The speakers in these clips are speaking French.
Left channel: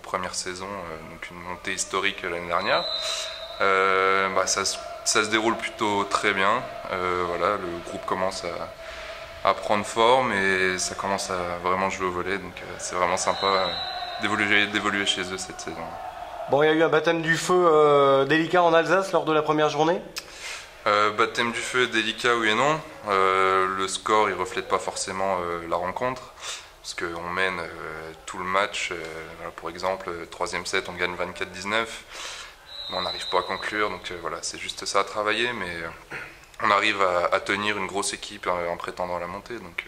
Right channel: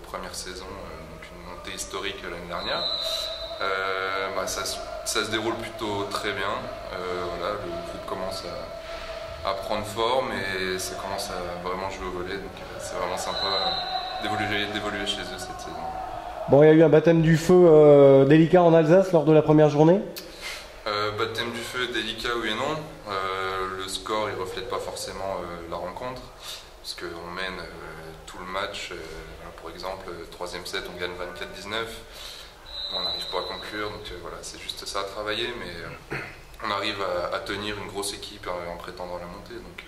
première saison, donc une montée historique l'année dernière. Ça se déroule plutôt très bien. Voilà, le groupe commence à prendre forme et ça commence à vraiment jouer au volley, donc c'est vraiment sympa d'évoluer chez eux cette saison. Bon, il y a eu un baptême du feu délicat en Alsace lors de la première journée. Baptême du feu délicat, oui et non. Le score il reflète pas forcément la rencontre, parce qu'on mène tout le match. Voilà, pour exemple, troisième set, on gagne 24-19. On n'arrive pas à conclure, donc voilà, c'est juste ça à travailler, mais on arrive à tenir une grosse équipe en prétendant à la montée, donc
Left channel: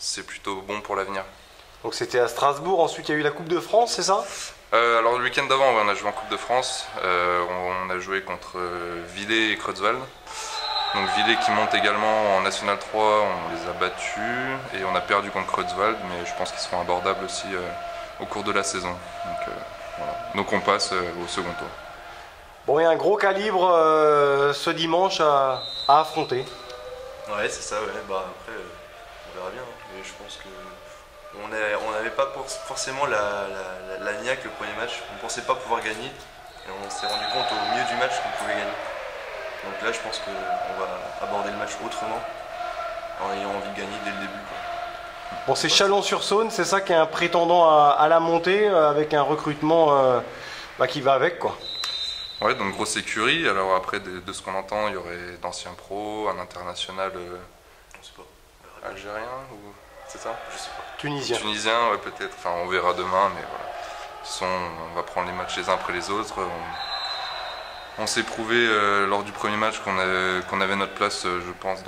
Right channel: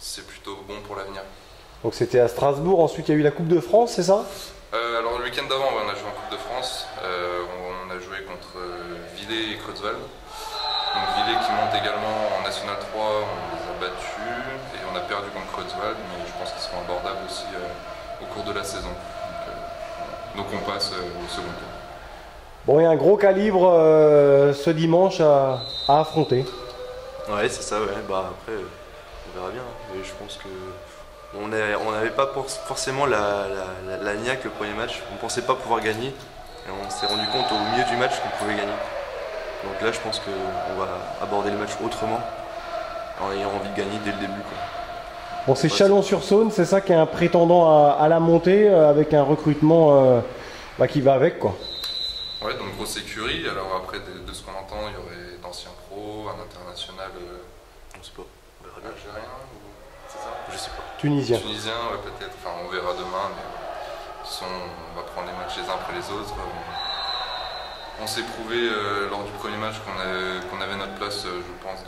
c'est plutôt bon pour l'avenir. Donc c'était à Strasbourg, ensuite il y a eu la Coupe de France, c'est ça? Alors le week-end d'avant, on a joué en Coupe de France, on a joué contre Villers et Creutzwald. Donc Villers qui monte également en National 3, on les a battus et on a perdu contre Creutzwald, mais je pense qu'ils seront abordables aussi au cours de la saison. Donc, voilà. Donc on passe au second tour. Bon, il y a un gros calibre ce dimanche à affronter. Ouais, c'est ça, ouais. Après, on verra bien. Mais je pense que on n'avait pas forcément la niaque le premier match. On ne pensait pas pouvoir gagner. Et on s'est rendu compte au milieu du match qu'on pouvait gagner. Donc là, je pense qu'on va aborder le match autrement, en ayant envie de gagner dès le début, quoi. Bon, c'est Chalon-sur-Saône, c'est ça qui est un prétendant à la montée, avec un recrutement qui va avec, quoi. Ouais, donc grosse écurie. Alors après, de ce qu'on entend, il y aurait d'anciens pros, un international On sait pas. algérien, ou c'est ça? Je sais pas. Tunisien. Tunisien, ouais, peut-être. Enfin, on verra demain, mais voilà. De toute façon, on va prendre les matchs les uns après les autres. On s'est prouvé lors du premier match qu'on avait notre place, je pense,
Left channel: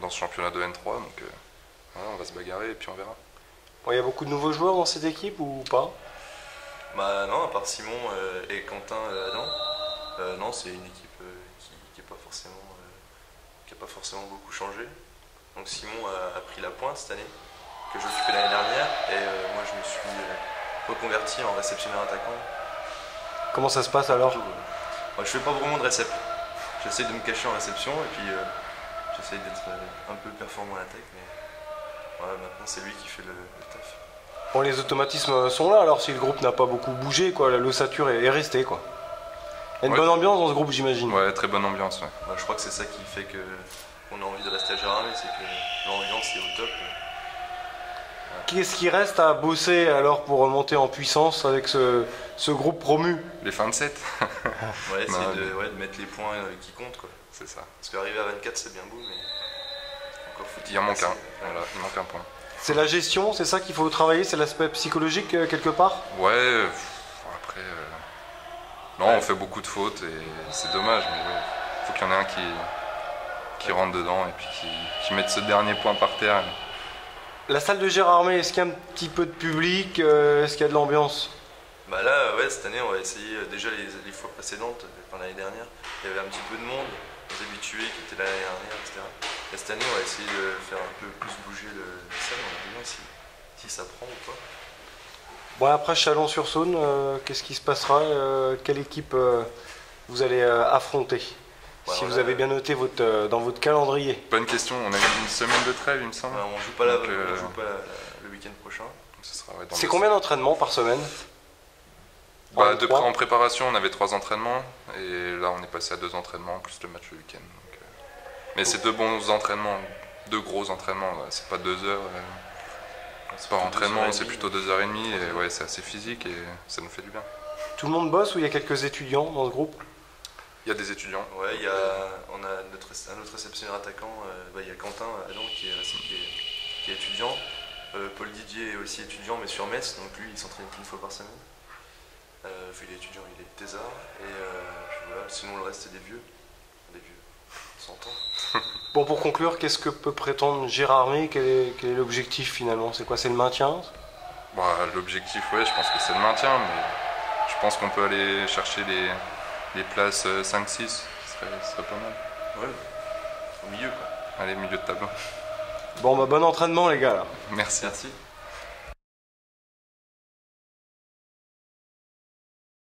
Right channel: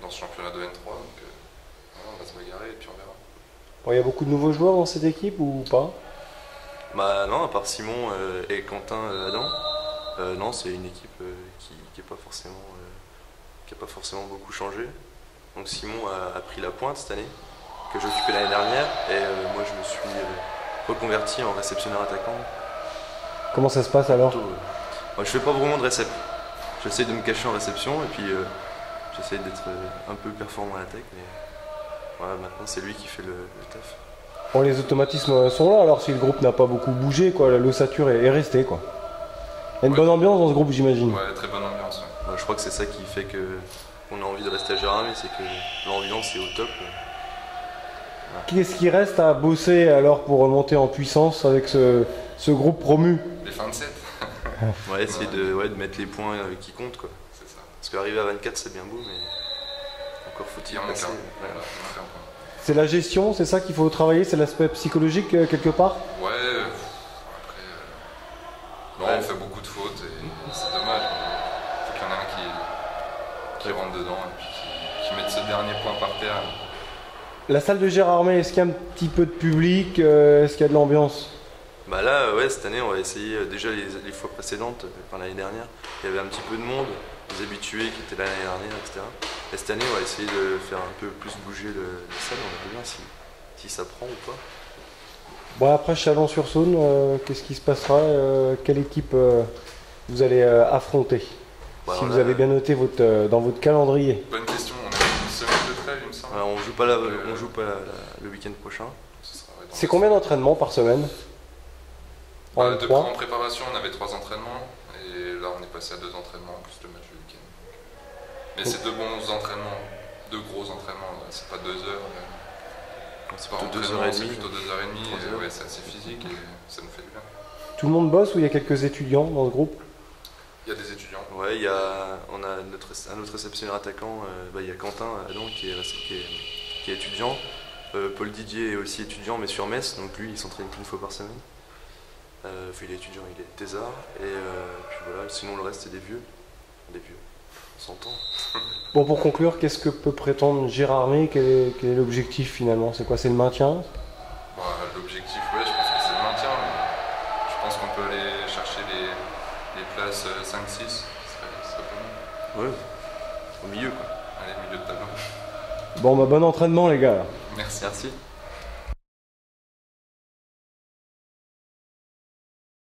dans ce championnat de N3. Donc voilà, on va se bagarrer et puis on verra. Bon, il y a beaucoup de nouveaux joueurs dans cette équipe ou pas? Bah non, à part Simon et Quentin Adam, non, c'est une équipe qui n'a pas forcément beaucoup changé. Donc Simon a pris la pointe cette année, que j'occupais l'année dernière, et moi je me suis reconverti en réceptionneur attaquant. Comment ça se passe alors? Moi, je fais pas vraiment de récep. J'essaie de me cacher en réception et puis j'essaie d'être un peu performant à l'attaque, mais voilà, maintenant c'est lui qui fait le taf. Bon, les automatismes sont là, alors si le groupe n'a pas beaucoup bougé, quoi, l'ossature est restée, quoi. Il y a une bonne ambiance dans ce groupe, j'imagine. Ouais, très bonne ambiance, ouais. Bah, je crois que c'est ça qui fait qu'on a envie de rester à Gérardmer, c'est que l'ambiance est au top. Voilà. Qu'est-ce qui reste à bosser alors pour remonter en puissance avec ce groupe promu? Les fins de set. Ouais, essayer de mettre les points qui comptent, quoi. C'est ça. Parce qu'arriver à 24, c'est bien beau, mais encore faut-il Il en manque passer. un. Voilà, il manque un point. C'est la gestion, c'est ça qu'il faut travailler, c'est l'aspect psychologique quelque part? Ouais, après, non, ouais. on fait beaucoup de fautes et c'est dommage, mais il faut qu'il y en ait un qui rentre dedans et puis qui mette ce dernier point par terre. La salle de Gérardmer, est-ce qu'il y a un petit peu de public? Est-ce qu'il y a de l'ambiance? Bah là, ouais, cette année, on va essayer, déjà les fois précédentes, enfin l'année dernière, il y avait un petit peu de monde, des habitués qui étaient là l'année dernière, etc. Et cette année, on va essayer de faire un peu plus bouger la salle, on va bien si ça prend ou pas. Bon, après Chalon-sur-Saône, qu'est-ce qui se passera? Quelle équipe vous allez affronter? Bah, si vous avez bien noté dans votre calendrier. Bonne question, on a une semaine de trêve, il me semble. On joue pas, le week-end prochain. C'est combien d'entraînements par semaine? En préparation, on avait 3 entraînements et là on est passé à 2 entraînements plus le match le week-end. Mais c'est 2 bons entraînements, 2 gros entraînements, c'est pas 2 heures. C'est par entraînement, c'est plutôt 2h30 et ouais, c'est assez physique et ça nous fait du bien. Tout le monde bosse ou il y a quelques étudiants dans ce groupe? Il y a des étudiants. Ouais, on a un autre réceptionneur attaquant, il y a Quentin Adam qui est étudiant. Paul Didier est aussi étudiant mais sur Metz, donc lui il s'entraîne qu'une fois par semaine. Il est étudiant, il est thésard, et puis voilà, sinon le reste c'est des vieux, on s'entend. Bon, pour conclure, qu'est-ce que peut prétendre Gérardmer? Quel est l'objectif finalement? C'est quoi? C'est le maintien? L'objectif, ouais, je pense que c'est le maintien, mais je pense qu'on peut aller chercher les places 5-6, ce serait pas mal. Ouais, au milieu quoi. Allez, milieu de tableau. Bon, bon entraînement les gars. Merci. Merci.